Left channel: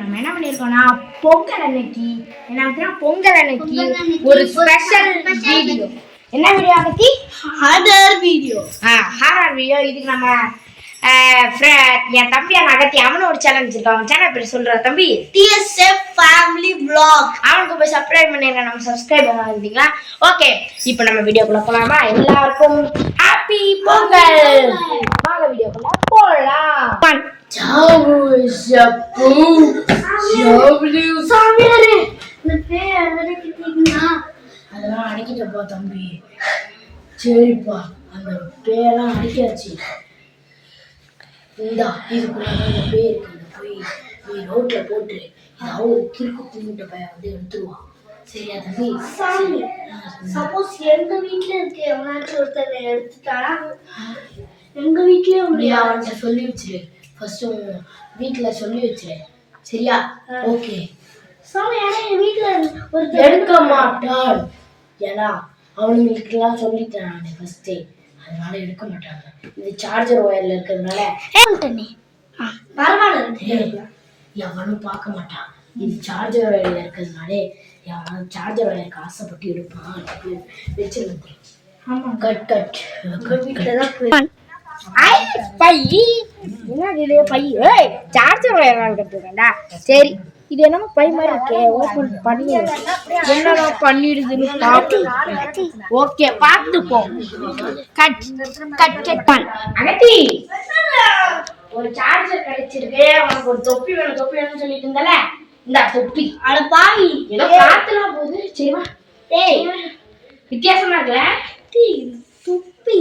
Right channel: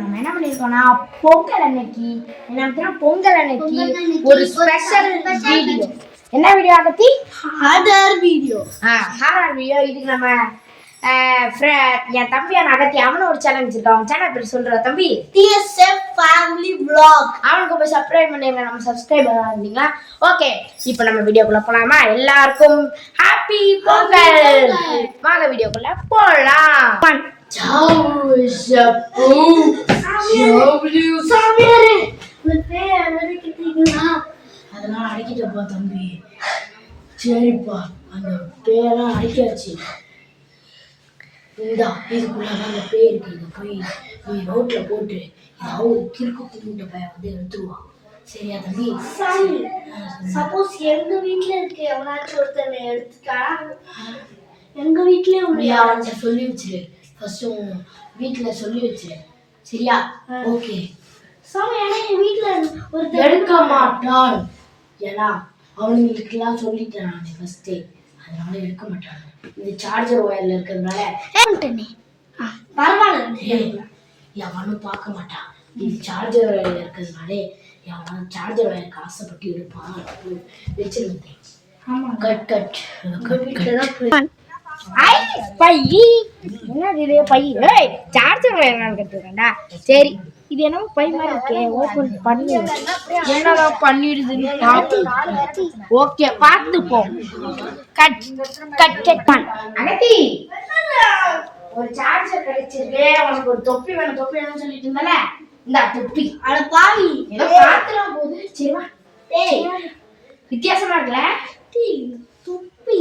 நம்ம என்ன பண்ணியிருக்கோம்னா பொங்கல் அன்னைக்கு ஒரு ஸ்பெஷல் வீடியோ. என்ன வீடியோ பத்தி? Horror video. இதுக்கு நம்ம என் தம்பி அகத்தி அவனும் ஒரு சேனல் வச்சிருக்கான். சேனல் பேர் சொல்ற தம்பி TSF ஃபேமிலி vlog. அவனுக்கு போய் சப்ஸ்கிரைப் பண்ணிருங்க. நம்ம சப்ஸ்கிரைப் பண்ணிருந்தீங்களா? ஓகே, இப்போ நம்ம வீடியோக்குள்ள போலாமா? எல்லாருக்கும் ஹாப்பி பொங்கல். வாங்க வீடியோக்குள்ள போலாம். அதெல்லாம் அடிக்கிட்டப்பா தம்பி. சரிப்பா, அந்த பேரெல்லாம் அடிக்காச்சு. இந்தா இதுக்குள்ள அந்த பேர் இருக்கு. இதை போய் நீ ரோட்ல போட்டு ஏதாவது கிறுக்கு கும்பிட்ட பையன் வந்து எடுத்துருவான். சரியா தம்பி? சப்போஸ் எங்க வீட்டுல இருக்கு எவனாச்சும் ஒருத்தர் எடுத்துட்டானா எங்க வீட்லயே உண்மையா அவன்கிட்ட சொல்லி வச்சிரு. ஃபர்ஸ்ட் வீட்டுல சொல்லி வச்சிரு. சரியா? ஓகே. என் வீட்டுல ஒருத்தர் எடுக்க மாட்டான். ஏன்னா அவனுங்களுக்கெல்லாம் சொல்லிட்டேன் நான் ஃபர்ஸ்டே, அதனால எடுக்க மாட்டாங்க. இது சார்ஜர் ஒயர்ல இருக்கிறதுனால பரவாயில்ல, எவனும் பார்க்க மாட்டான். இது சார்ஜர் ஒயர்ல இருக்கிறதுனாலே எவனாலும் சார்ஜர் ஒயருக்கு ஆசைப்பட்டு எடுப்பான். வச்சிருந்தேன். ஆமா, கட் கட் சார்ஜர் ஒயர் கட்டுறா. சரி, இது என்னமோ பை மாதிரி இருக்கே, ஓபன் பண்ணி என்னடா பண்ணிடுதுன்னு பாத்து. ஓகே, பார்த்துப்போம். கட் கட் கட் அகத்தி, ஒரு சார்ஜர் கிடைச்சிருக்கு. உனக்கு ஒரு தொப்பி வேணும்னு சொல்லிட்டு இருந்தால, இந்த தொப்பி. அட பாவி, ஏதோ காத்துலாம் போகுது. சரிவா? டேய், வித்தியாசமா இருக்குல்ல தொப்பி?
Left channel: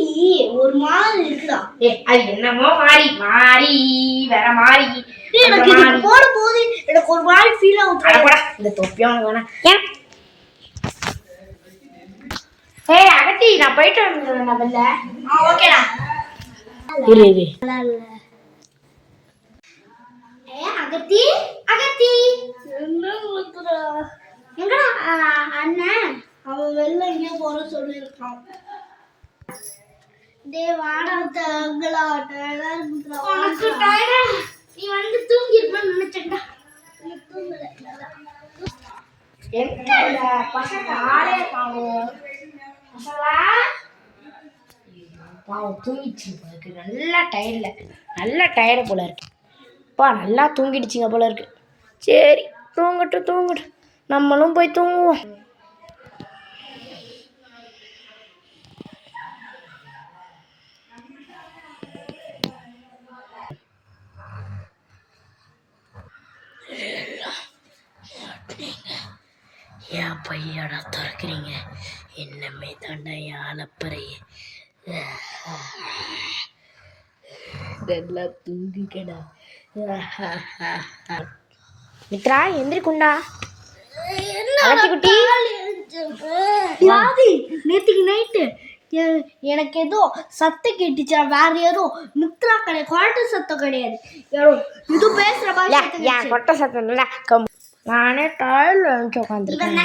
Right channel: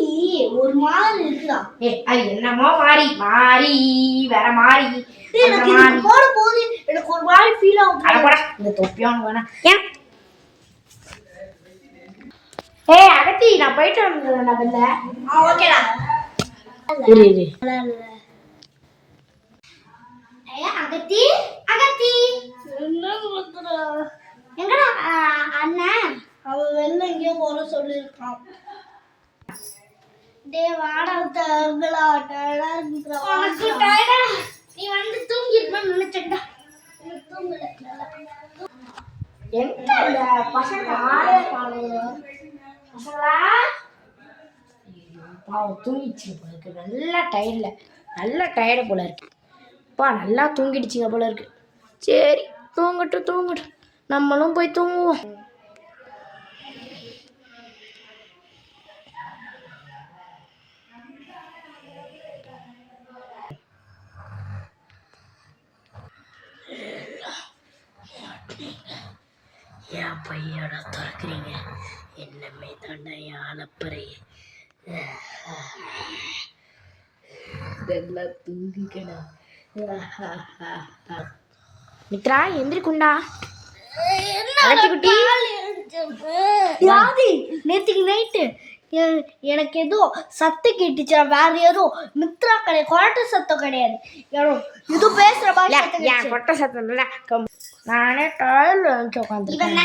ஒரு மாதிரி இருக்குடா. அது என்னமோ மாறி வேற மாறி. எனக்கு இது போட போது எனக்கு ஒரு மாதிரி ஃபீல் ஆகுது. அட போடா, இந்த தொப்பி உனக்கு வேணாம். அகத்தி, நான் போயிட்டு வந்துடுறேன். வெளில. ஓகேடா. இரு அகத்தி எங்கடா அண்ணன்? அவன் வெளில எங்கேயோ போற சொல்லியிருக்கான். வாடா தங்களா, உனக்கு டயர்டா? நீ வந்து தூங்கி இருப்பேன்னு நினைச்சேன்டா. தூங்கல. எங்க பசங்க ஆளே காணோம். பசங்களா பாவம் தூங்கிடுச்சு போல இருக்கு. நல்ல டயர்டு போல இருக்கு. அப்பா நல்லா தூங்கிடுச்சிங்க போல இருக்கு. சரி, தூங்கட்டும். நம்மளும் போய் தூங்குவோம். ஏன் பையட திறக்கிறீங்க? என்னமே தாண்டா என் அலப்பறைய. நல்லா தூங்கிக்கடா. மித்ரா, எந்திரிக்குண்டா. நேற்றுக்கு நைட்டு எனக்கு ஏதோ சத்தம் கேட்டுச்சா. வேற ஏதோ மித்ரா கிடையாது, கொட்ட சத்தம் கிடையாது. யாரோ இது பேசுற மாதிரி. ஏன் கொட்ட சத்தம் இல்லை? நானே டாய்ல வந்து உட்காந்துருக்கேன்.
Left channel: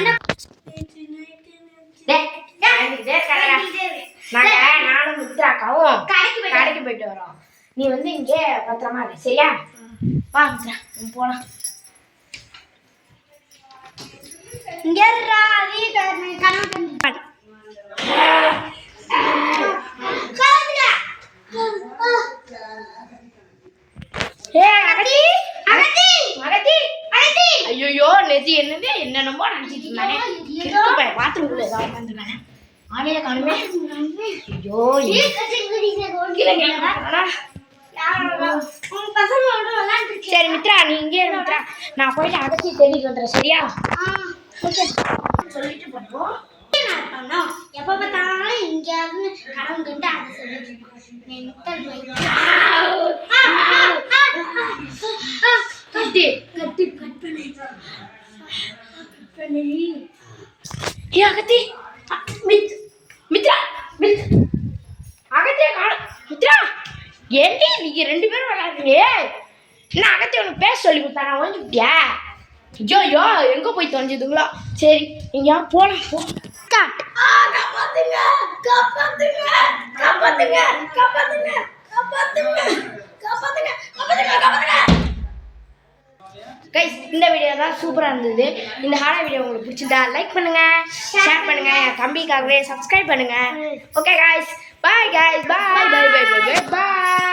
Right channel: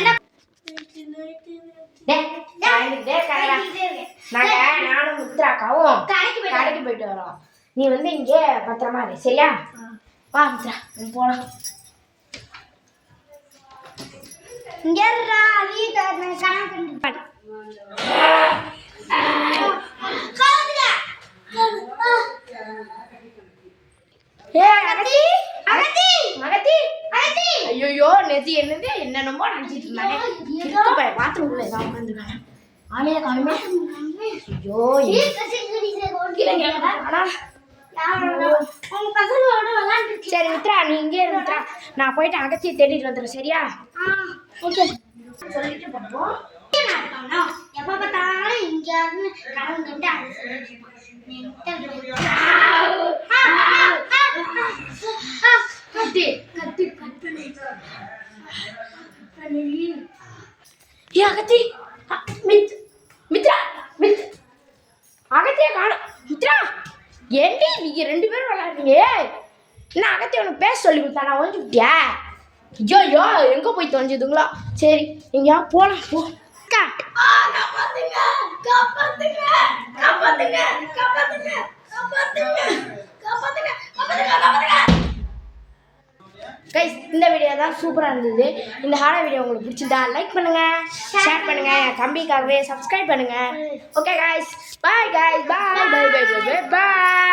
நானும் மித்ராக்காவும் கடைக்கு போயிட்டு வரோம். நீ வந்து இங்கே பத்திரமா இரு. சரியா? வா மித்ரா, போலாம். ஐயோ, நெத்தி என்னமோ நினைச்சிட்டு இருந்தானே. பாத்ரூம்குள்ள ஏதாவது உட்காந்துருக்கானே. ஆளைய காணுமே. ஐயோ, சரி மித்ரா, நீ இங்கே மித்ரா, நான் போயிட்டு அகத்தி தேடிட்டு வந்துடுறேன். சரியா? சொல்லிட்டு போப்போம். எப்ப பார்த்தாலும் இங்கேயாவது கடவுள் கண்டு அதை சொல்லிட்டு அகத்தி மித்ரா அகத்திய காணும். மித்ரா, ஏண்டி நீங்க ரெண்டு பேரும் விளையாடுறீங்க? என்ன அகத்தி உனக்கு பேச சொல்லி கொடுத்தா? நான் ஒழிஞ்சுக்கிட்டியா? ஐயோ, எங்க போய் தொலைஞ்சதுங்களோ. சரி, எங்கேயா போலாம். போ. கைஸ் இந்த வீடியோ தான் சூப்பராக இருந்தது. இந்த ஹாரர் வீடியோ உங்களுக்கு பிடிச்சிருந்தா லைக் பண்ணுங்க, ஷேர் பண்ணுங்க, என் தம்பிக்காகவே சப்ஸ்கிரைப் பண்ணுங்க. ஓகே கைஸ், பாய் கைஸ், பாய் பாய் பாய் பாய் பாய்.